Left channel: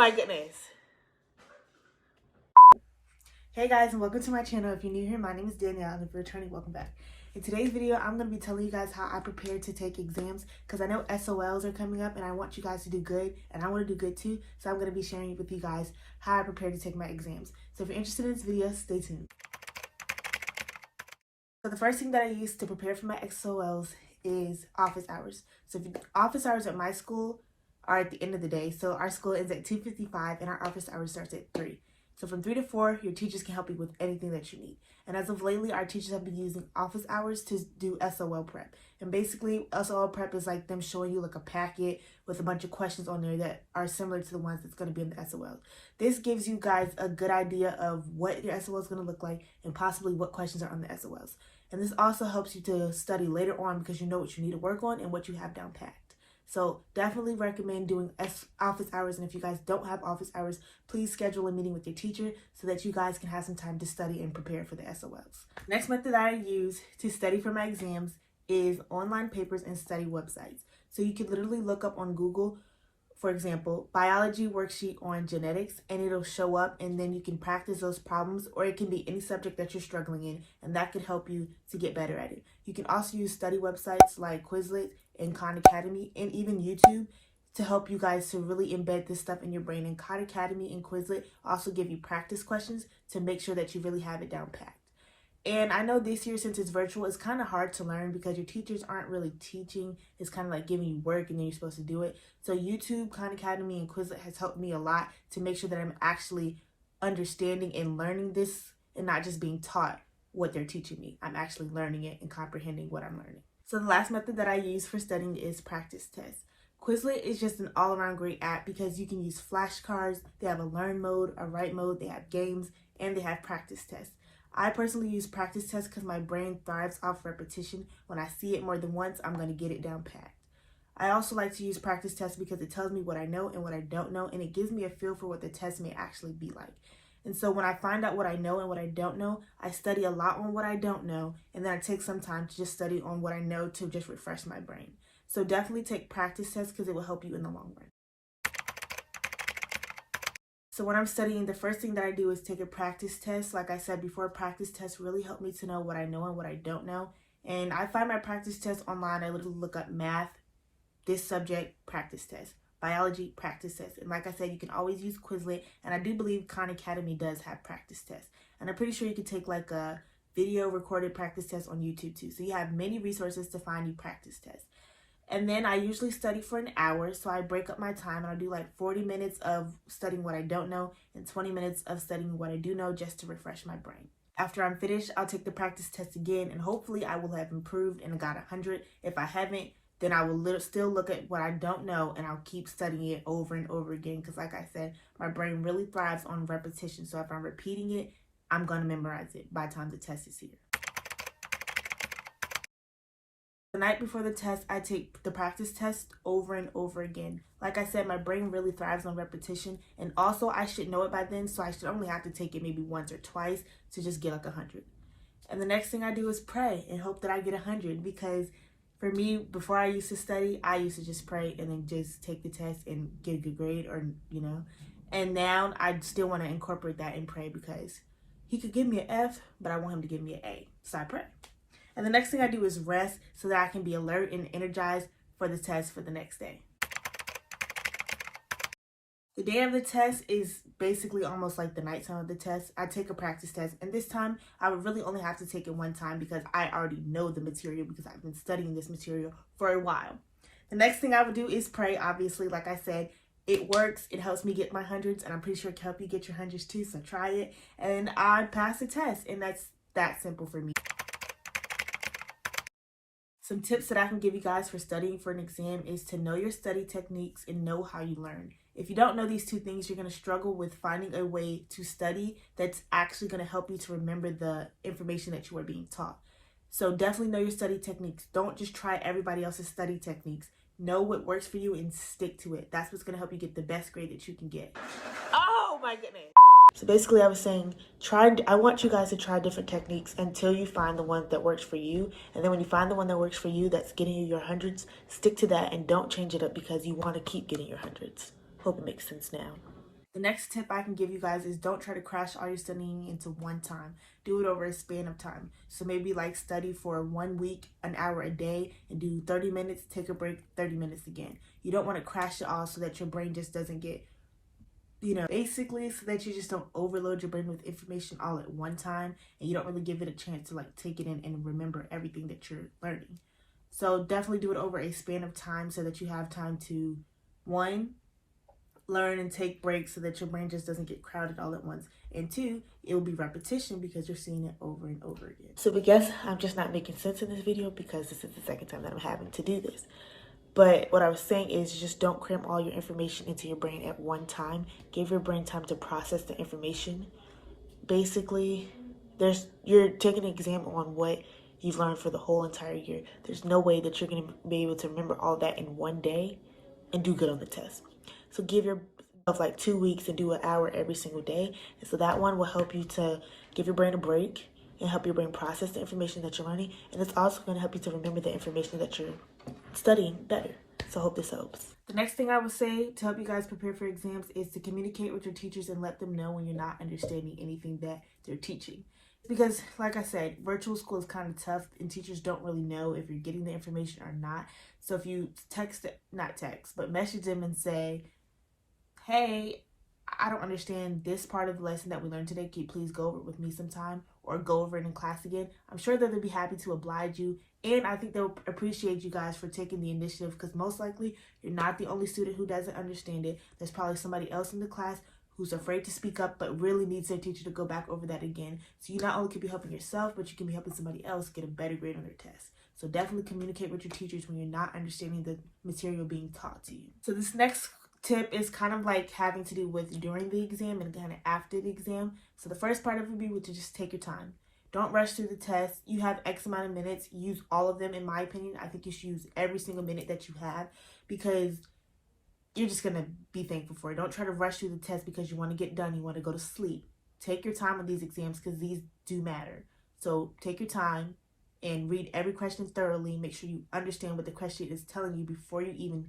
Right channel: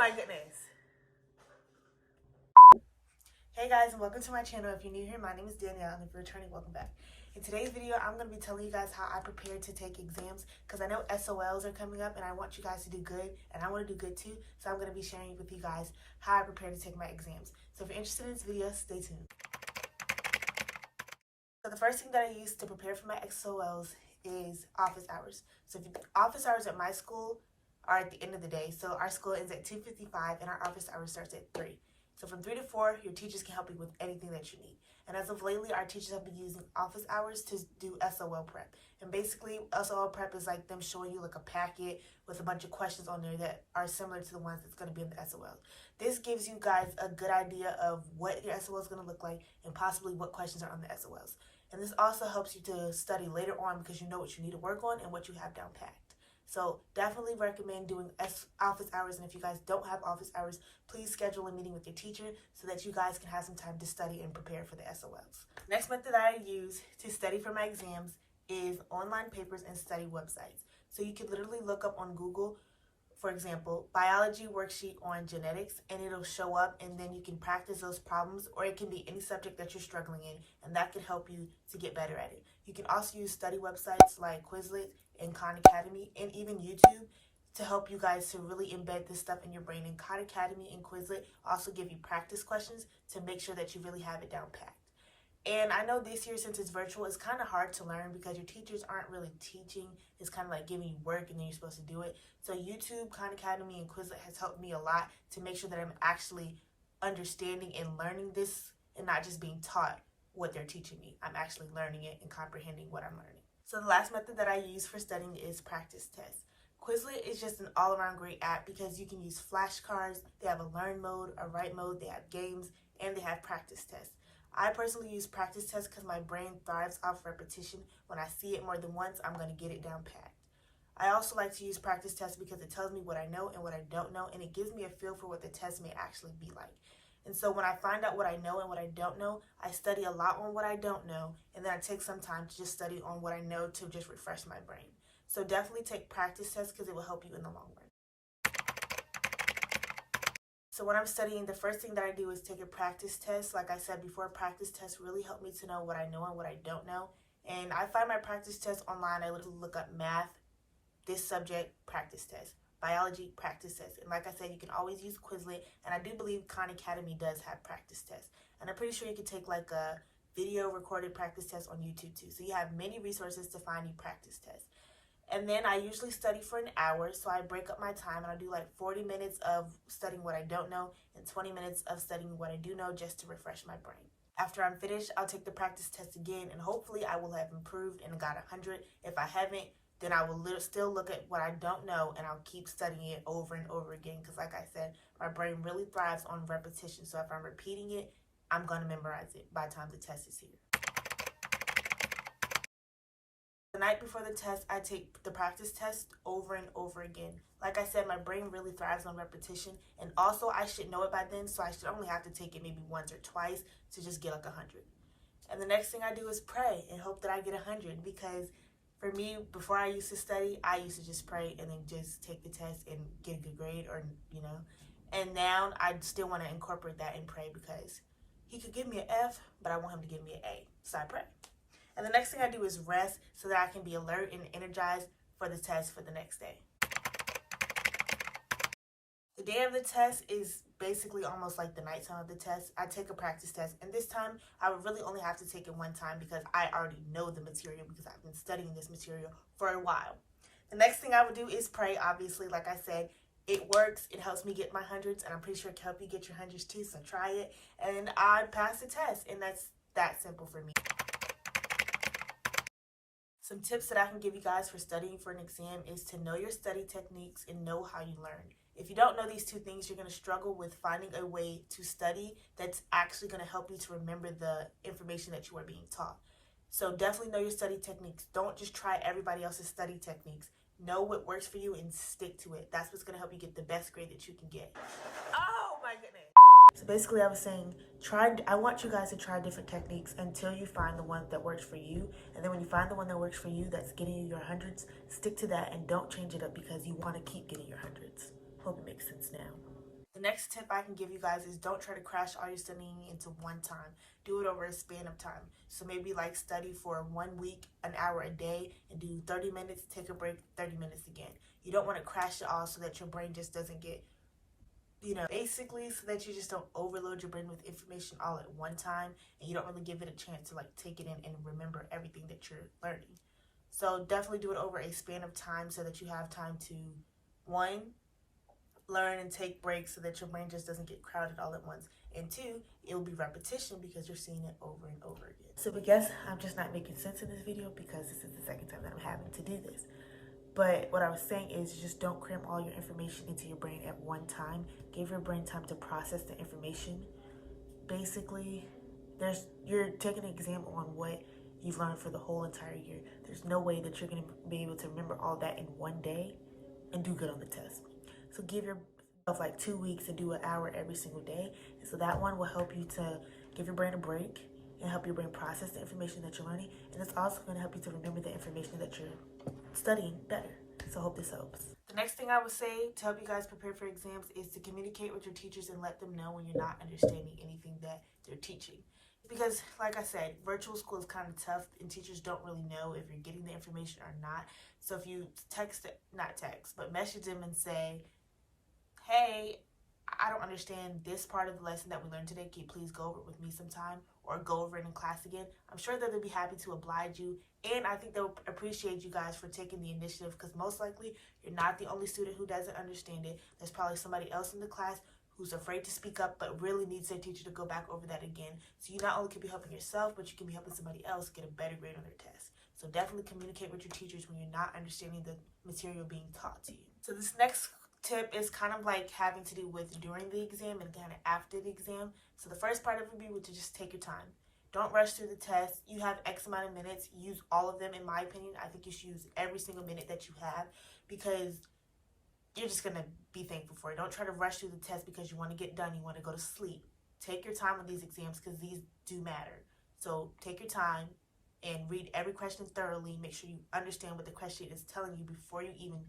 my goodness. Hey guys, and welcome to my channel. If you're new here, my name is Danielle, and if you're returning, welcome back. In today's video, I'm going to be telling you guys how I prepare to take exams, because I know SOLs are coming up and I want you guys to do good, and I want to do good too. So I'm going to be sharing with you guys how I prepare to take my exams. So if you're interested in this video, stay tuned. So the first thing that I use to prepare for my SOLs is office hours. So office hours at my school are at the end of the day. So our school ends at 2:55 and our office hours starts at 3. So from 3 to 4, your teachers can help you with anything that you need. And as of lately, our teachers have been using office hours to do SOL prep. And basically, SOL prep is like them showing you like a packet with a bunch of questions on there that are similar to the ones that's going to be in the SOL. This gives you guys a good idea of what your SOL is going to look like and possibly what questions are on the SOLs. And this also helps you to study later on because you know what you need to work on and what you have down packed. So definitely recommend doing office hours. And if you guys don't have office hours, please schedule a meeting with your teacher so that you guys can have some time to study and prepare for the SOLs. Next method that I use to study for my exams is online papers and study websites. So you can literally look up on Google, for example, biology worksheet on genetics, and it'll show up, and then you can practice those problems, or it can be any subject that you're struggling in, and that can help you to get better at it. You can also use study websites like Quizlet and Khan Academy and even YouTube to help you guys to really embed this stuff in your brain. And Khan Academy and Quizlet also give you practice questions to make sure that you really have it down packed. And I know this year, since it's virtual, it's kind of hard to learn because your teachers aren't really teaching. It's kind of like giving you work and then you're supposed to do it. So YouTube, Khan Academy, and Quizlet has helped me a lot to make sure that I'm actually understanding and learning this and not just being taught what they're teaching me. I'm actually learning it and comprehending what I'm learning. So the last method that I use for studying is practice tests. Quizlet is just an all-around great app because you can use flashcards. They have a learn mode, a write mode, they have games, and they have practice tests. I personally use practice tests because my brain thrives off repetition. When I see it more than once, I'm going to get it down packed. I also like to use practice tests because it tells me what I know and what I don't know, and it gives me a feel for what the test may actually be like. And so when I find out what I know and what I don't know, I study a lot on what I don't know, and then I take some time to just study on what I know to just refresh my brain. So definitely take practice tests because it will help you in the long run. So when I'm studying, the first thing that I do is take a practice test. Like I said before, practice tests really help me to know what I know and what I don't know. And I find my practice tests online. I literally look up math, this subject, practice test, biology, practice test. And like I said, you can always use Quizlet. And I do believe Khan Academy does have practice tests. And I'm pretty sure you can take like a video recorded practice test on YouTube too. So you have many resources to find you practice tests. And then I usually study for an hour, so I break up my time and I'll do like 40 minutes of studying what I don't know and 20 minutes of studying what I do know just to refresh my brain. After I'm finished, I'll take the practice test again, and hopefully I will have improved and got 100. If I haven't, then I will still look at what I don't know and I'll keep studying it over and over again because like I said, my brain really thrives on repetition. So if I'm repeating it, I'm going to memorize it by the time the test is here. The night before the test, I take the practice test over and over again. Like I said, my brain really thrives on repetition, and also I should know it by then, so I should only have to take it maybe once or twice to just get like 100. And the next thing I do is pray and hope that I get 100, because for me, before I used to study, I used to just pray and then just take the test and get a good grade, or and now I still want to incorporate that and pray because he could give me an F, but I want him to give me an A, so I pray. And the next thing I do is rest so that I can be alert and energized for the test for the next day. The day of the test is basically almost like the nighttime of the test. I take a practice test, and this time I would really only have to take it one time because I already know the material because I've been studying this material for a while. The next thing I would do is pray, obviously. Like I said, it works. It helps me get my hundreds, and I'm pretty sure it can help you get your hundreds too, so try it. And I pass the test, and that's that simple for me. Some tips that I can give you guys for studying for an exam is to know your study techniques and know how you learn. If you don't know these two things, you're going to struggle with finding a way to study that's actually going to help you to remember the information that you are being taught. So definitely know your study techniques. Don't just try everybody else's study techniques. Know what works for you and stick to it. That's what's going to help you get the best grade that you can get. Oh my goodness. So basically I was saying, I want you guys to try different techniques until you find the one that works for you. And then when you find the one that works for you that's getting you your hundreds, stick to that and don't change it up because you want to keep getting your hundreds. Hope it makes sense now. The next tip I can give you guys is don't try to crash all your studying into one time. Do it over a span of time. So maybe like study for 1 week, an hour a day, and do 30 minutes, take a break, 30 minutes again. You don't want to crash it all so that your brain just doesn't get, basically so that you just don't overload your brain with information all at one time and you don't really give it a chance to like take it in and remember everything that you're learning. So definitely do it over a span of time so that you have time to, one, learn and take breaks so that your brain just doesn't get crowded all at once. And two, it will be repetition because you're seeing it over and over again. So I guess I'm just not making sense in this video because this is the second time that I'm having to do this. But what I was saying is just don't cram all your information into your brain at one time. Give your brain time to process the information. Basically, you're taking an exam on what you've learned for the whole entire year. There's no way that you're going to be able to remember all that in one day and do good on the test. So give yourself like 2 weeks and do an hour every single day. And so that one will help you to give your brain a break and help your brain process the information that you're learning. And it's also going to help you to remember the information that you're studying better. So I hope this helps. The next thing I would say to help you guys prepare for exams is to communicate with your teachers and let them know when you're not understanding anything that they're teaching. Because like I said, virtual school is kind of tough and teachers don't really know if you're getting the information or not. So if you message them and say, hey, I don't understand this part of the lesson that we learned today. Can you please go over it with me sometime or go over it in class again? I'm sure that they'll be happy to oblige you. And I think they'll appreciate you guys for taking the initiative because most likely you're not the only student who doesn't understand it. There's probably somebody else in the class who's afraid to speak up but really needs their teacher to go back over that again. So you not only can be helping yourself, but you can be helping somebody else get a better grade on their test. So definitely communicate with your teachers when you're not understanding the material being taught to you. So this next tip is kind of like having to do with during the exam and kind of after the exam. So the first part of it would be to just take your time. Don't rush through the test. You have X amount of minutes. Use all of them, in my opinion. I think you should use every single minute that you have because you're just going to be thankful for it. Don't try to rush through the test because you want to get done. You want to go to sleep. Take your time with these exams because these do matter. So take your time and read every question thoroughly. Make sure you understand what the question is telling you before you even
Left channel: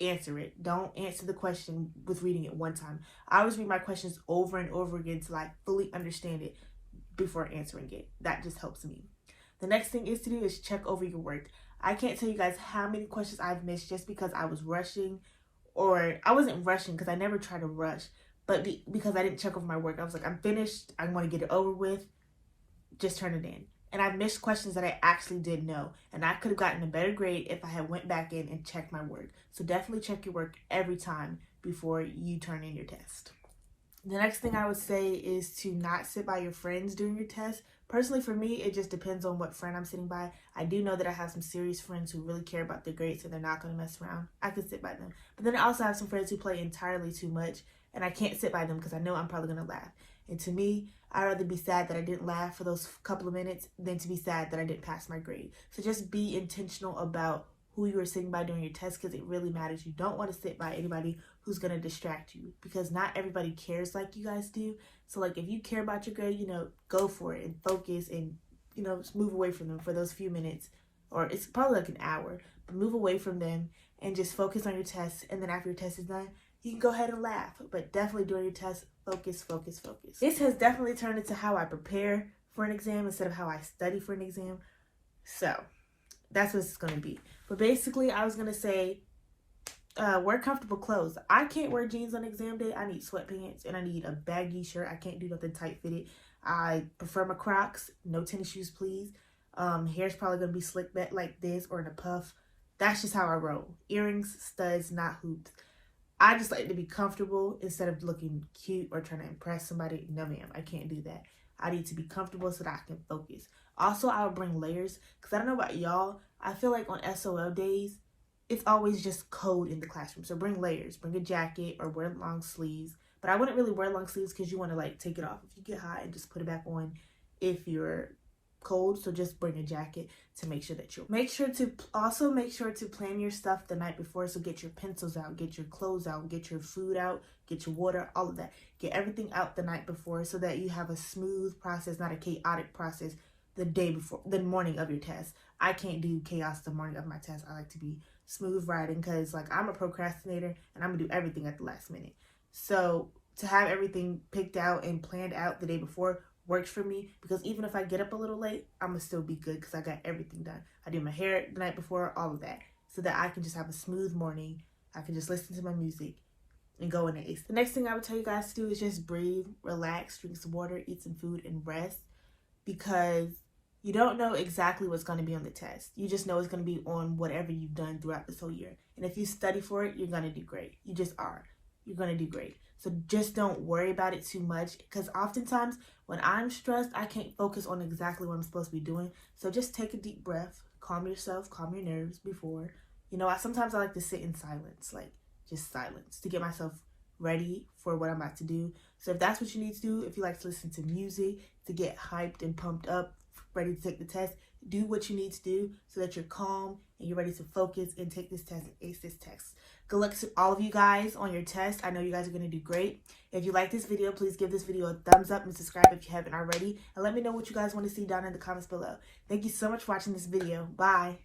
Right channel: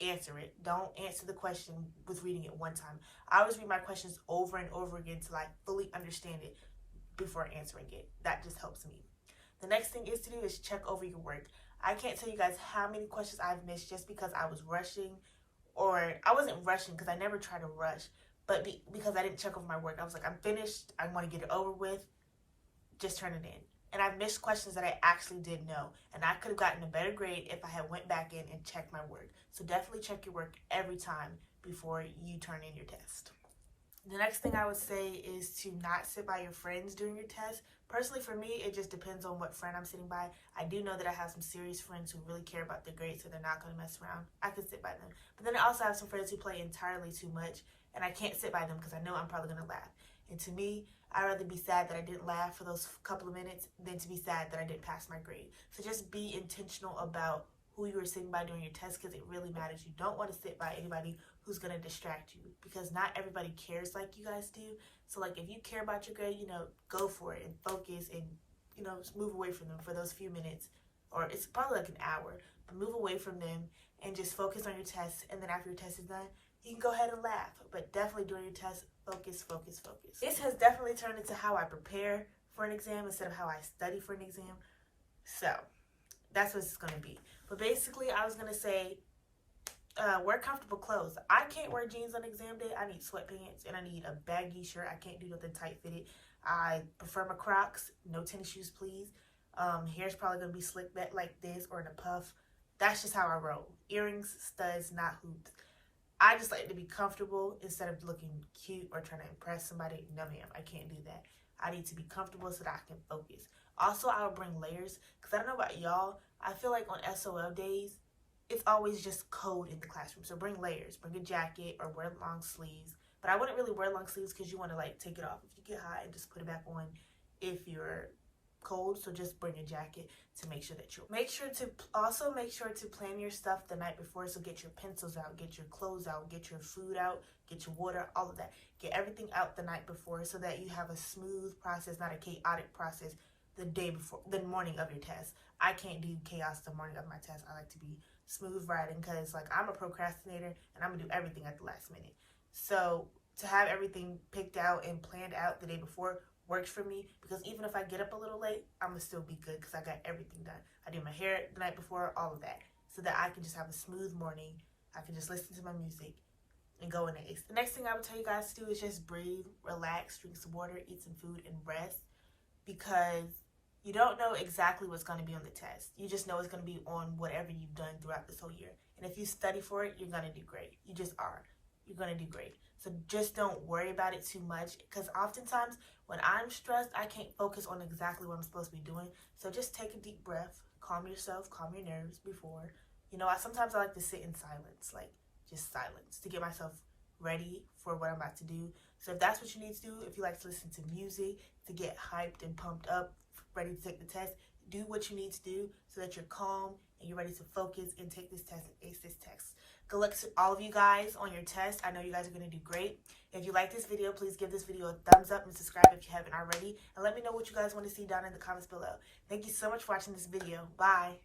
answer it. Don't answer the question with reading it one time. I always read my questions over and over again till I fully understand it before answering it. That just helps me. The next thing is to do is check over your work. I can't tell you guys how many questions I've missed just because I was rushing, or I wasn't rushing because I never try to rush, but because I didn't check over my work. I was like, I'm finished. I want to get it over with. Just turn it in. And I missed questions that I actually did know. And I could have gotten a better grade if I had went back in and checked my work. So definitely check your work every time before you turn in your test. The next thing I would say is to not sit by your friends during your test. Personally, for me, it just depends on what friend I'm sitting by. I do know that I have some serious friends who really care about their grades, so they're not going to mess around. I could sit by them. But then I also have some friends who play entirely too much, and I can't sit by them because I know I'm probably going to laugh. And to me, I'd rather be sad that I didn't laugh for those couple of minutes than to be sad that I didn't pass my grade. So just be intentional about who you are sitting by during your test because it really matters. You don't want to sit by anybody who's going to distract you because not everybody cares like you guys do. So like if you care about your grade, go for it and focus and, just move away from them for those few minutes, or it's probably like an hour, but move away from them and just focus on your test. And then after your test is done, you can go ahead and laugh, but definitely during your test, focus, focus, focus. This has definitely turned into how I prepare for an exam instead of how I study for an exam. So that's what it's going to be. But basically, I was going to say, wear comfortable clothes. I can't wear jeans on exam day. I need sweatpants and I need a baggy shirt. I can't do nothing tight fitted. I prefer my Crocs. No tennis shoes, please. Hair's probably going to be slicked back like this or in a puff. That's just how I roll. Earrings, studs, not hoops. I just like to be comfortable instead of looking cute or trying to impress somebody. No, ma'am, I can't do that. I need to be comfortable so that I can focus. Also, I will bring layers because I don't know about y'all. I feel like on SOL days, it's always just cold in the classroom. So bring layers. Bring a jacket or wear long sleeves. But I wouldn't really wear long sleeves because you want to like take it off if you get hot and just put it back on if you're cold. So just bring a jacket to make sure that you're make sure to plan your stuff the night before. So get your pencils out, get your clothes out, get your food out, get your water, all of that. Get everything out the night before so that you have a smooth process, not a chaotic process the morning of your test. I can't do chaos the morning of my test. I like to be smooth riding because like I'm a procrastinator and I'm gonna do everything at the last minute. So to have everything picked out and planned out the day before works for me, because even if I get up a little late, I'm gonna still be good because I got everything done. I do my hair the night before, all of that, so that I can just have a smooth morning. I can just listen to my music and go in the ace. The next thing I would tell you guys to do is just breathe, relax, drink some water, eat some food, and rest, because you don't know exactly what's going to be on the test. You just know it's going to be on whatever you've done throughout this whole year. And if you study for it, you're going to do great. You just are. You're going to do great. So just don't worry about it too much, because oftentimes when I'm stressed, I can't focus on exactly what I'm supposed to be doing. So just take a deep breath, calm yourself, calm your nerves before. You know, sometimes I like to sit in silence, like just silence, to get myself ready for what I'm about to do. So if that's what you need to do, if you like to listen to music to get hyped and pumped up, ready to take the test, do what you need to do so that you're calm and you're ready to focus and take this test and ace this test. Good luck to all of you guys on your test. I know you guys are going to do great. If you like this video, please give this video a thumbs up and subscribe if you haven't already. And let me know what you guys want to see down in the comments below. Thank you so much for watching this video. Bye.